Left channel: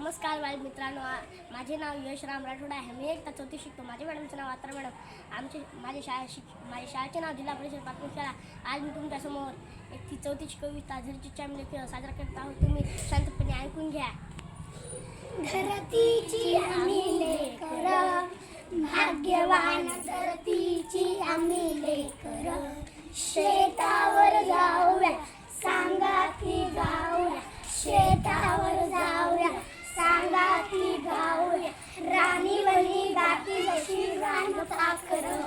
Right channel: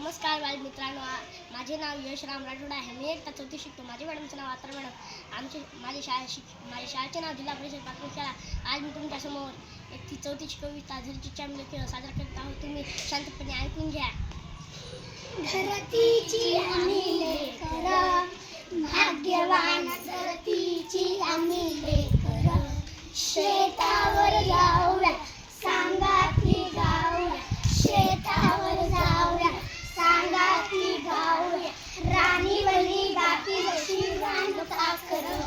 नमस्कार बालमित्रांनो, माझे नाव यश राम राठोड आहे. मी इयत्ता चौथीत शिकतो. माझ्या मॅडमचं नाव अत्रा मॅडम. माझ्या शाळेचे नाव जिल्हा परिषद प्राथमिक शाळा. आज मी तुमच्यासमोर एक चौथीची कविता झरची चांगले खेळ साजरा करत आहोत. तुम्ही शांतपणे ऐकून घ्या. धरतीची आम्ही लेकरं, भाग्यवान धरतीची आम्ही लेकरं. शेतावर जाऊया, सांगाती गाऊया. शेतावर जाऊया, सांगाती गाऊया. राणी बनी गाती जशी रान पाखरं,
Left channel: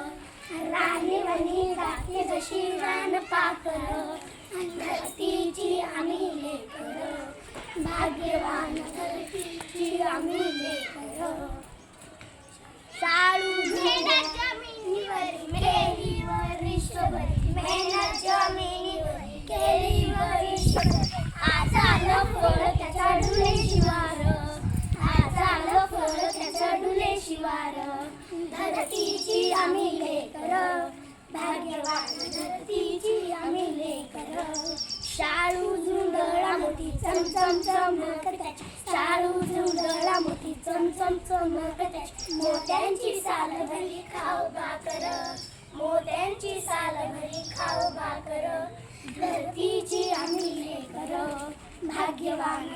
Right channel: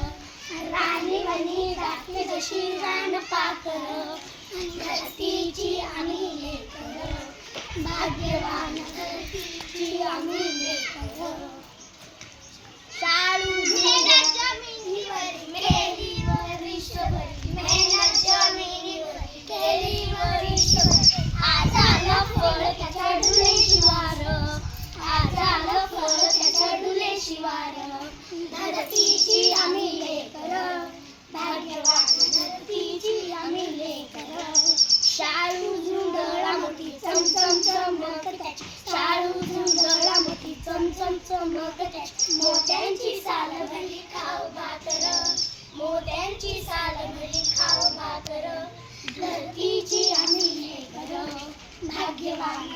राणी बनी गाती जशी रान पाखरं. धरतीची आम्ही लेकरं, भाग्यवान धरतीची आम्ही लेकरं. शाळू मेहनत जमिनीवर केली वर्षभर, मेहनत जमिनीवर केली वर्षभर. आज आलं फळ त्याच्या डुले शिवार, आज आलं फळ त्याच्या डुले शिवार. धरतीची आम्ही लेकरं, भाग्यवान धरतीची आम्ही लेकरं. शाळू झुंडळा मोठी चमचम चमक त्याची, शाळू झुंडळा मोठी चमचम चमक त्याची. मोत्यांची साल भरली खाऊ भाकर, मोत्यांची साल भरली खाऊ भाकर. धरतीची आम्ही लेकरं, भाग्यवान